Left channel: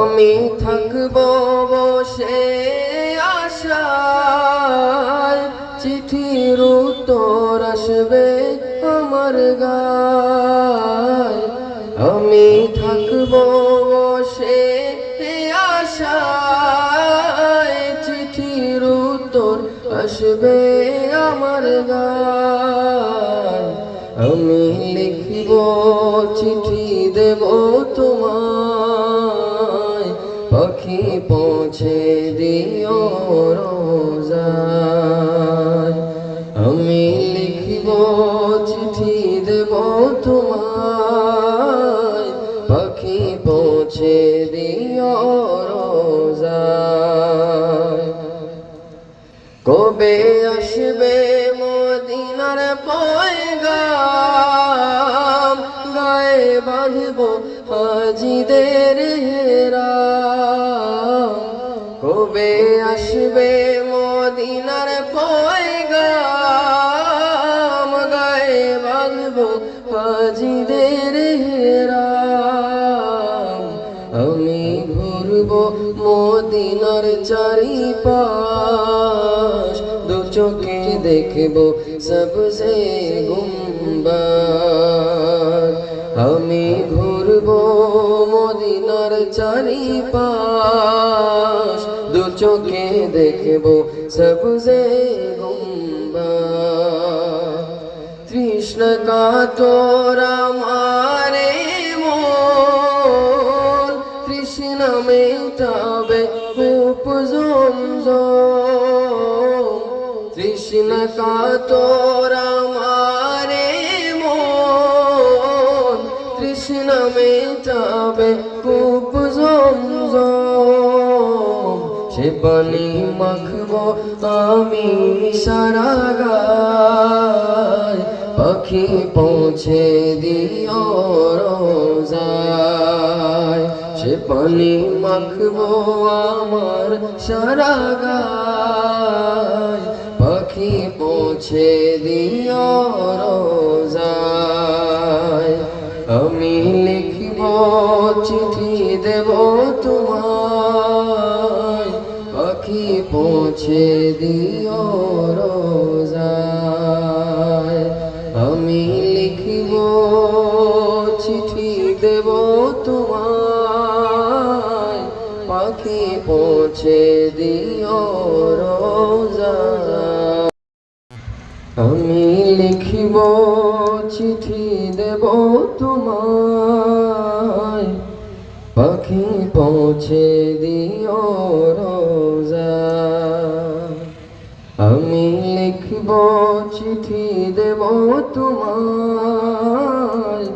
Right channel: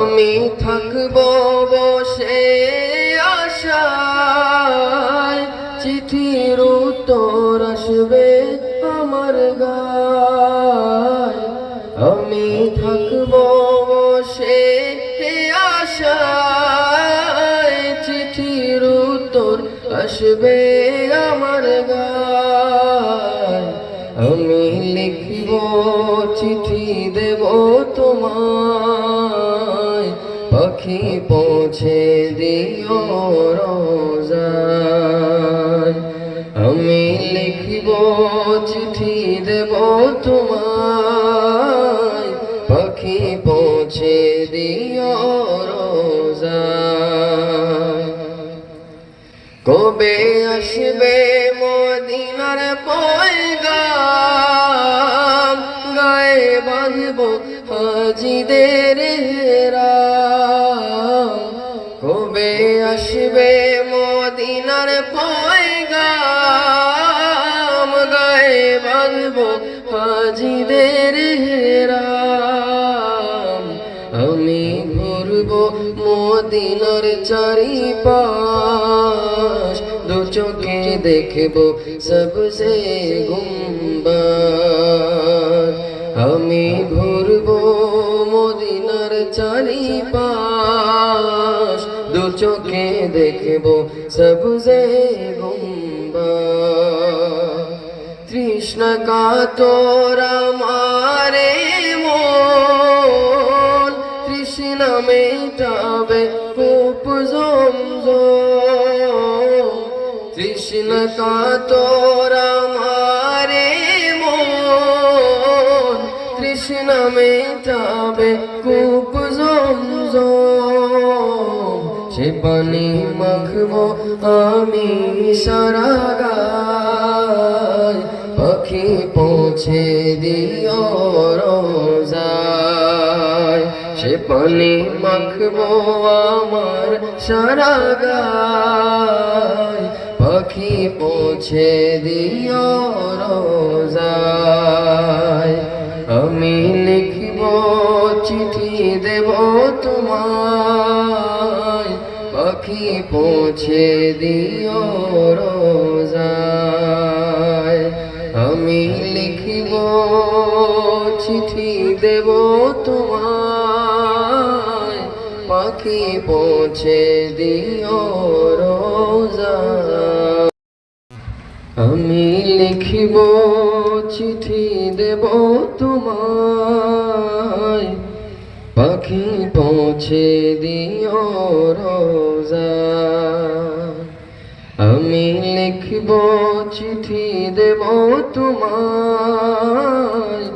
আমি থাকবো বসে আশায়, চিঠির উত্তর আসবে আমার গায়। আমি থাকবো বসে আশায়, চিঠির উত্তর আসবে আমার গায়। আমি লিখব চিঠি দেব তোমায়, পাখি পৌঁছে দিও রোজায়। আমি লিখব চিঠি দেব তোমায়, পাখি পৌঁছে দিও রোজায়। কবে আসবে মদিনার পয়গাম, গায়ে বাঁধব হাজিদের হেরাম। কবে আসবে মদিনার পয়গাম, গায়ে বাঁধব হাজিদের হেরাম। আমি ঘুরব মদিনার চারিপাশ, দু চোখে দেখব সবসে গুম্বাদ। আমি ঘুরব মদিনার চারিপাশ, দু চোখে দেখব সবসে গুম্বাদ। তৃষ্ণা কাতর আমারে মন, তৃষ্ণা মেটাবে কূপ জমজম। তৃষ্ণা কাতর আমারে মন, তৃষ্ণা মেটাবে কূপ জমজম। সে পানি মাখবো আমি সারা গায়, পাখি পৌঁছে দিও রোজায়। সে পানি মাখবো আমার সারা গায়, পাখি পৌঁছে দিও রোজায়। আমি লিখব চিঠি দেব তোমায়, পাখি পৌঁছে দিও রোজায়। আমি লিখব চিঠি দেব তোমায়, পাখি পৌঁছে দিও রোজায়। আমি লিখব চিঠি দেব তোমায়, পাখি পৌঁছে দিও রোজায়। আমি লিখব চিঠি দেব তোমায়,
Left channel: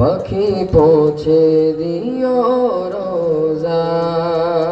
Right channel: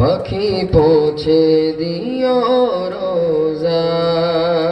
পাখি পৌঁছে দিও রোজায়।